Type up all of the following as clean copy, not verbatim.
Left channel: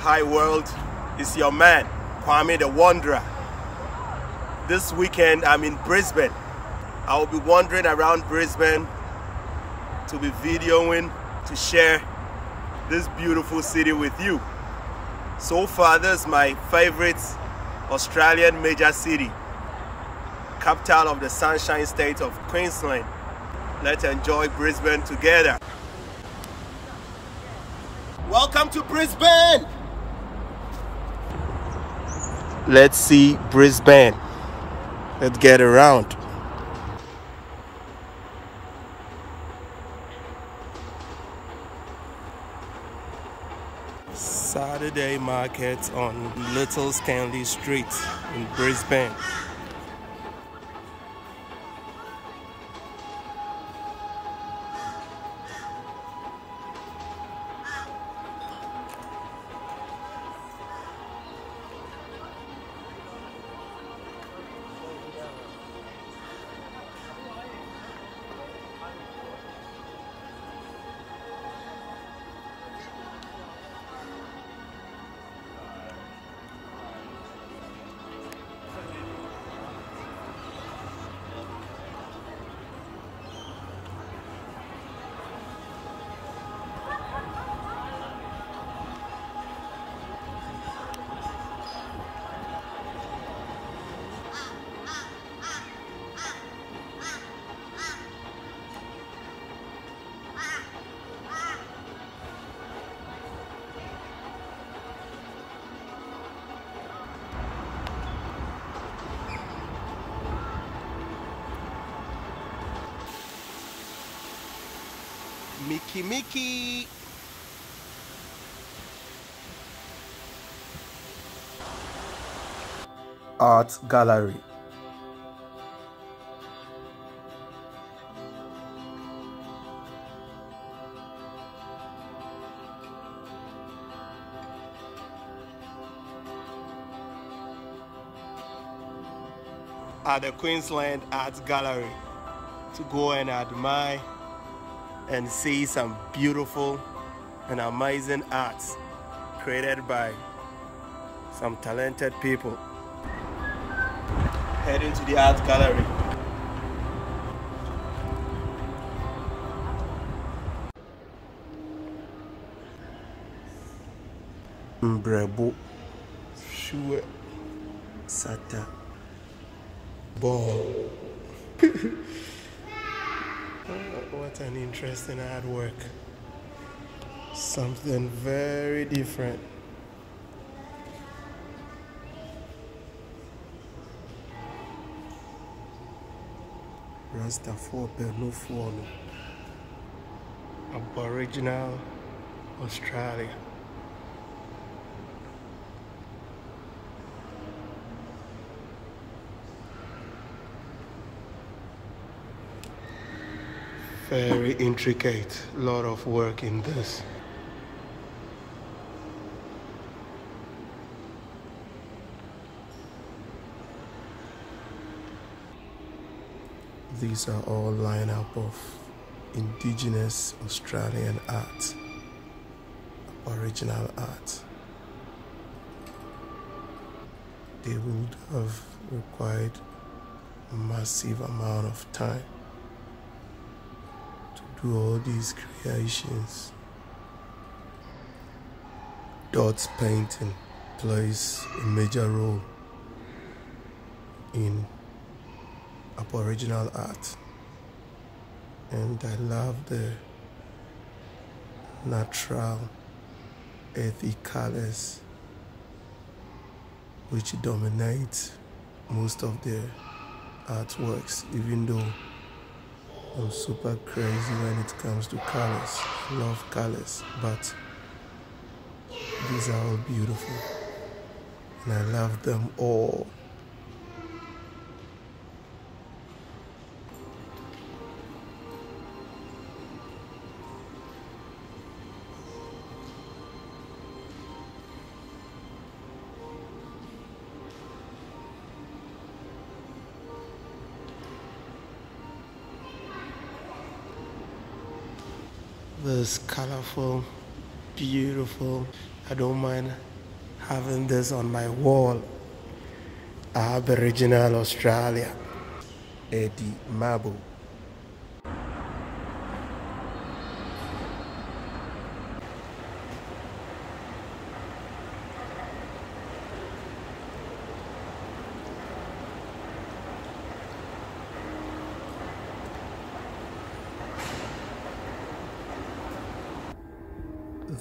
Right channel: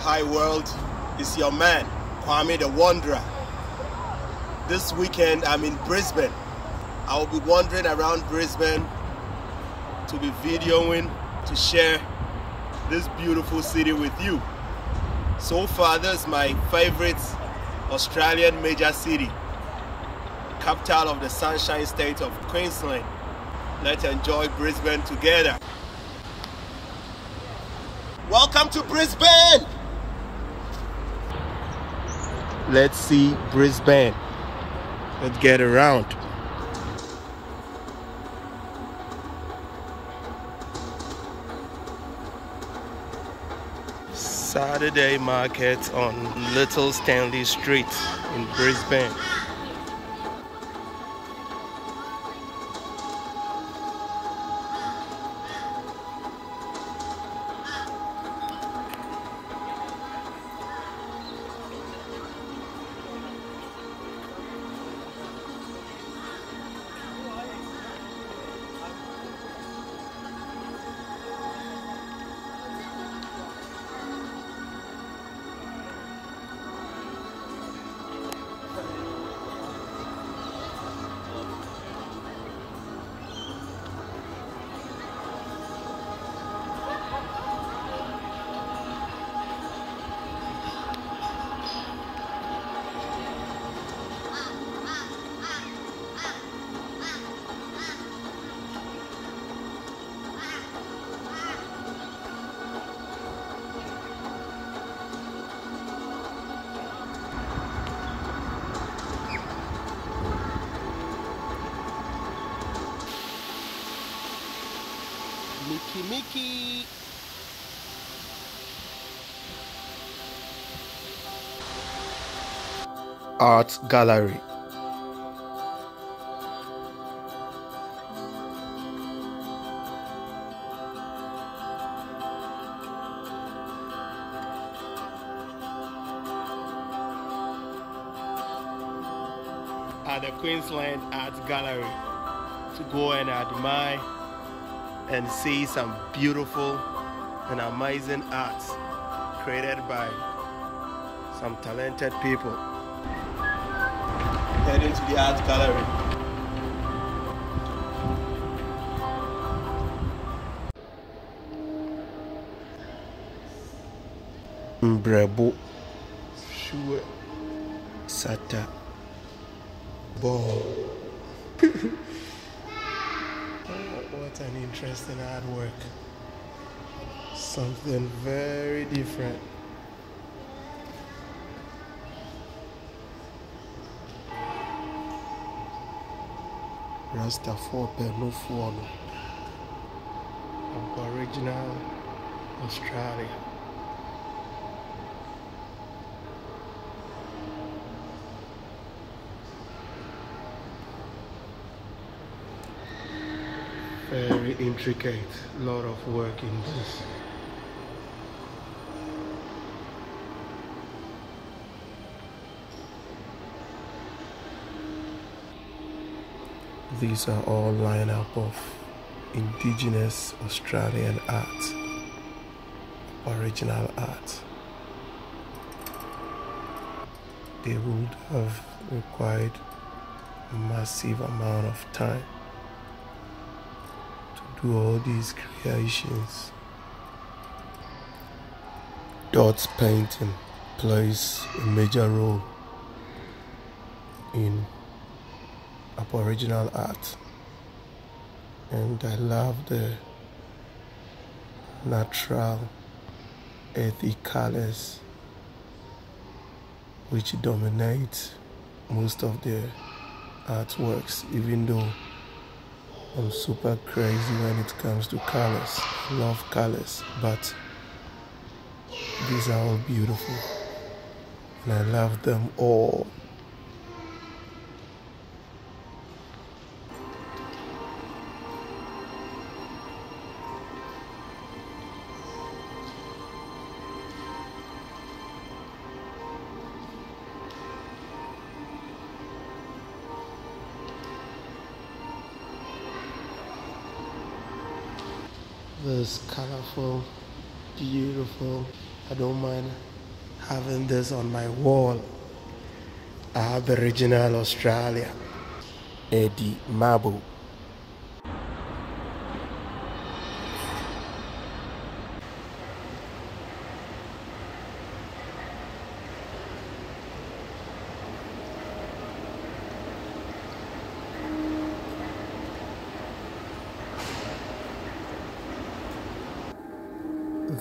Hi world, it's your man, Kwame the Wanderer. This weekend I'm in Brisbane. I will be wandering around Brisbane to be videoing, to share this beautiful city with you. So far, this is my favorite Australian major city, capital of the Sunshine State of Queensland. Let's enjoy Brisbane together. Welcome to Brisbane! Let's see Brisbane. Let's get around. Saturday market on Little Stanley Street in Brisbane. Mickey. Art gallery. At the Queensland Art Gallery to go and admire and see some beautiful and amazing art created by some talented people. Heading to the art gallery. Mbrebo Shue Sata Ball. What an interesting artwork. Something very different. Rasta for Pernufuano. Aboriginal Australia. Very intricate, lot of work in this. These are all lineup of indigenous Australian art, original art. They would have required a massive amount of time to all these creations. Dots painting plays a major role in Aboriginal art, and I love the natural earthy colors which dominate most of the artworks, even though I'm super crazy when it comes to colors. I love colors, but these are all beautiful and I love them all. This colorful, beautiful. I don't mind having this on my wall. Aboriginal Australia. Eddie Mabo.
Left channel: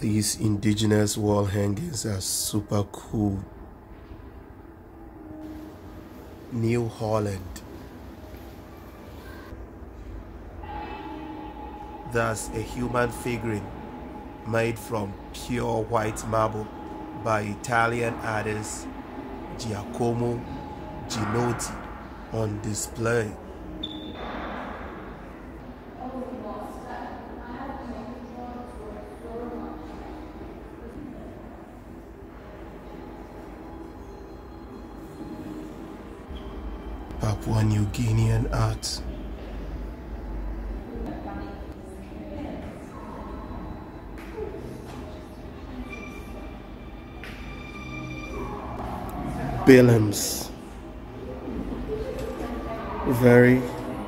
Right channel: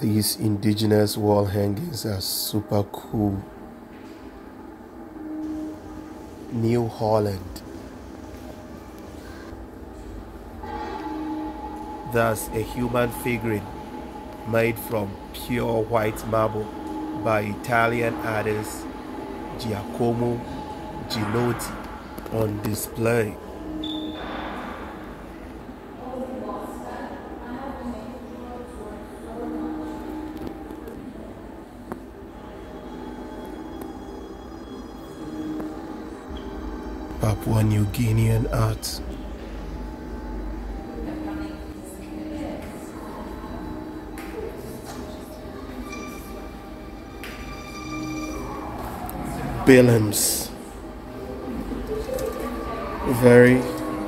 These indigenous wall hangings are super cool. New Holland. That's a human figurine made from pure white marble by Italian artist Giacomo Ginotti on display. Papua New Guinean art. Billams. Very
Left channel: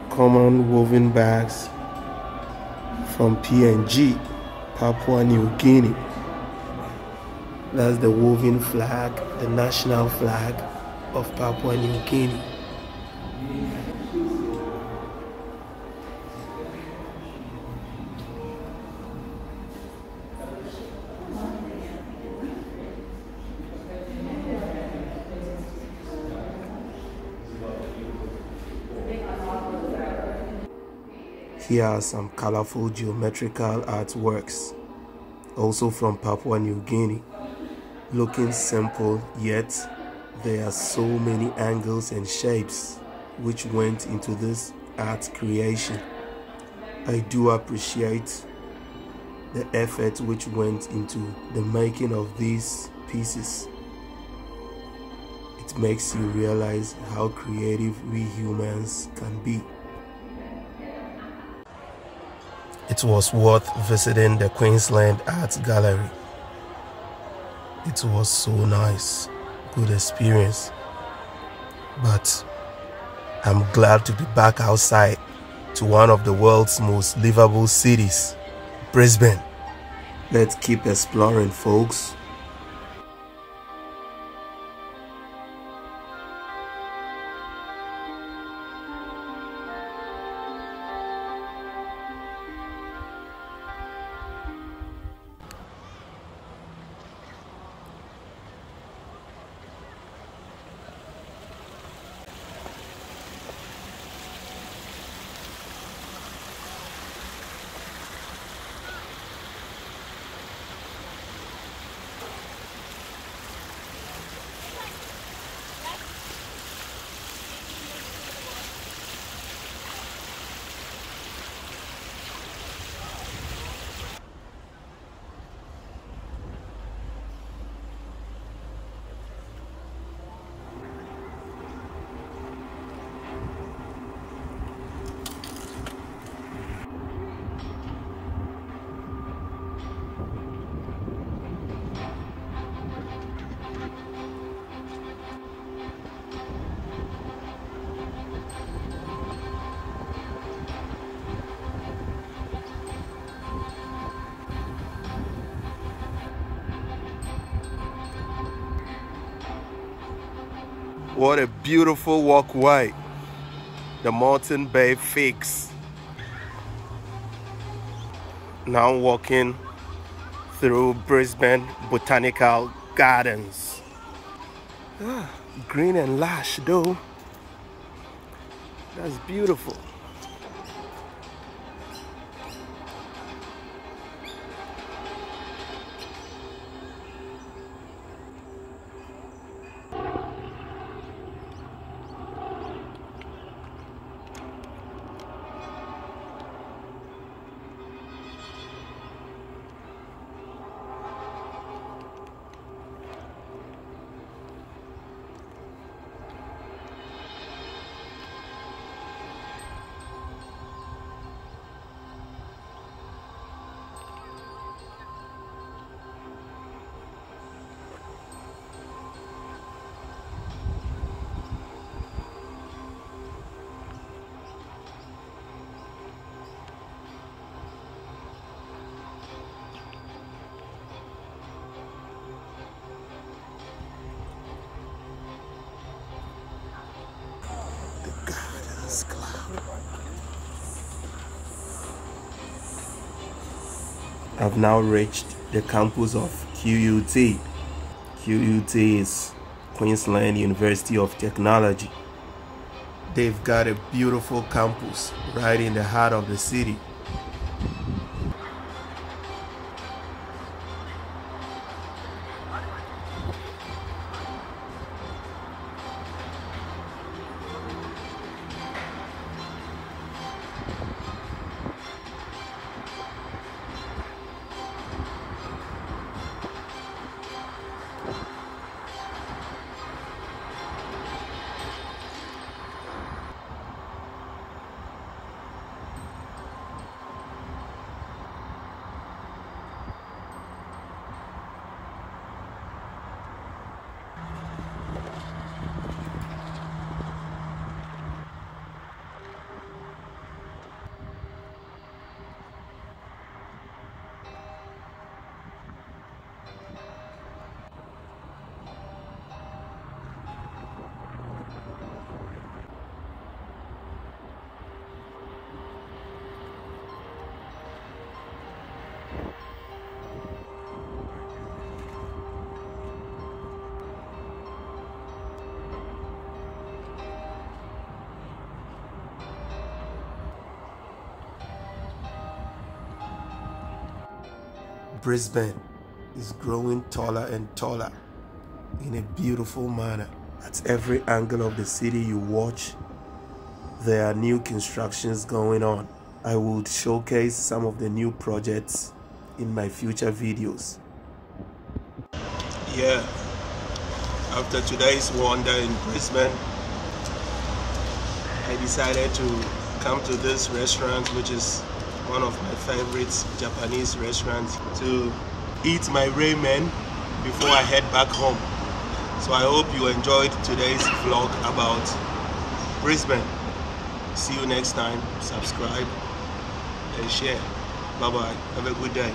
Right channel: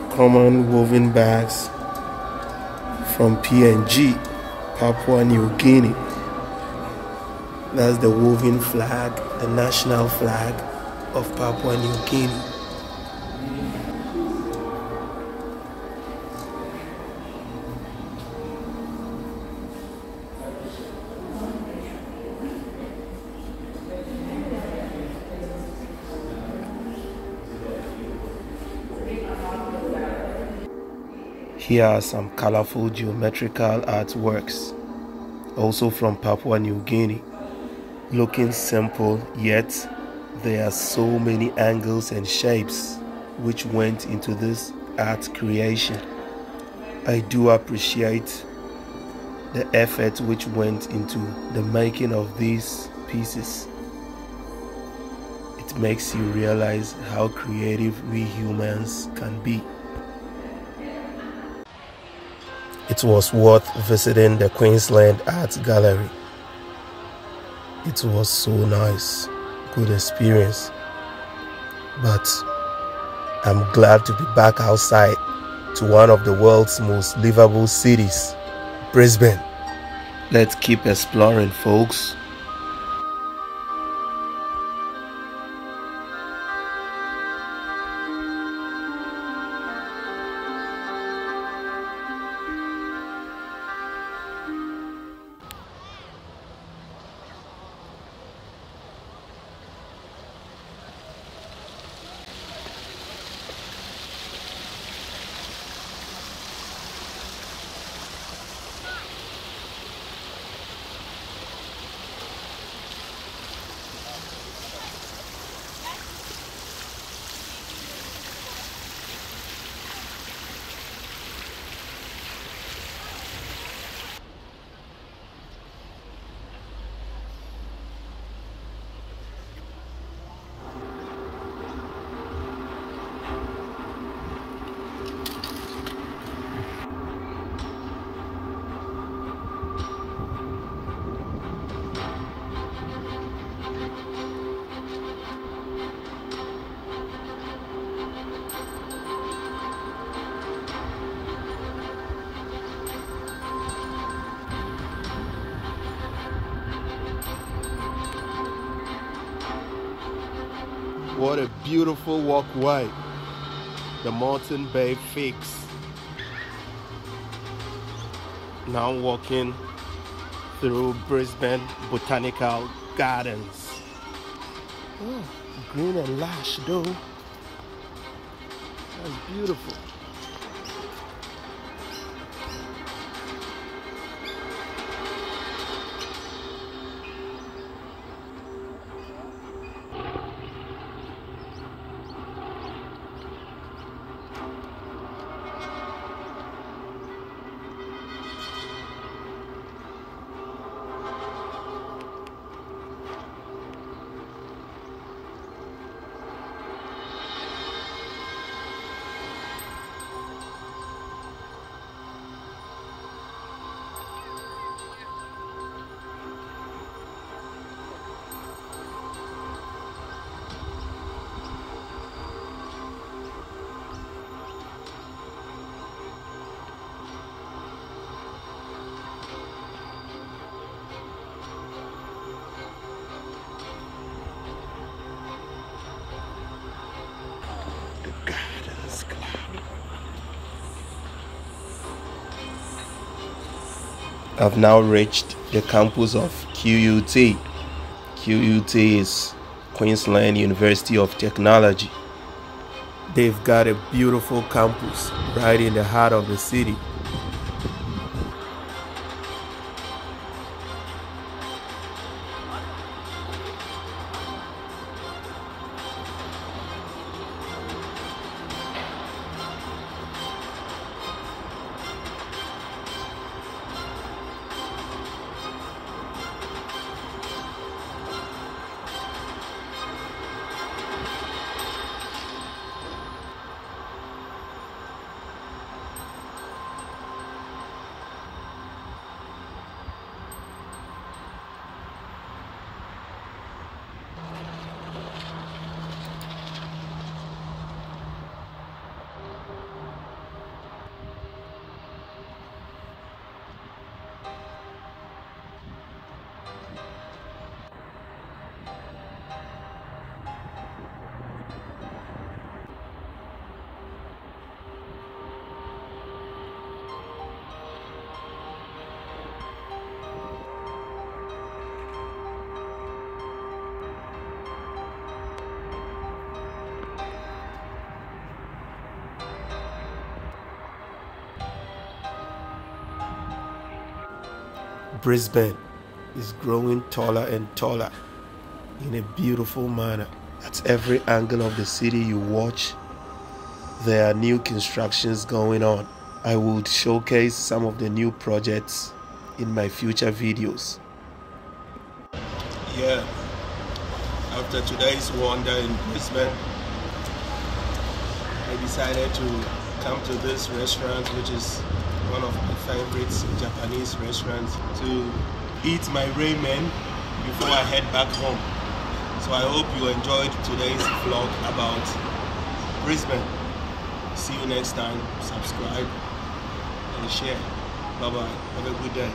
common woven bags from PNG, Papua New Guinea. That's the woven flag, the national flag of Papua New Guinea. Here are some colorful geometrical artworks, also from Papua New Guinea. Looking simple, yet there are so many angles and shapes which went into this art creation. I do appreciate the effort which went into the making of these pieces. It makes you realize how creative we humans can be. It was worth visiting the Queensland Art Gallery. It was so nice, good experience. But I'm glad to be back outside to one of the world's most livable cities, Brisbane. Let's keep exploring, folks. What a beautiful walkway. The Mountain Bay Fix. Now walking through Brisbane Botanical Gardens. Green and lush though. That's beautiful. I've now reached the campus of QUT. QUT is Queensland University of Technology. They've got a beautiful campus right in the heart of the city. Brisbane is growing taller and taller in a beautiful manner. At every angle of the city you watch, there are new constructions going on. I will showcase some of the new projects in my future videos. Yeah, after today's wonder in Brisbane, I decided to come to this restaurant, which is one of my favorites, Japanese restaurants, to eat my ramen before I head back home. So I hope you enjoyed today's vlog about Brisbane. See you next time. Subscribe and share. Bye bye. Have a good day.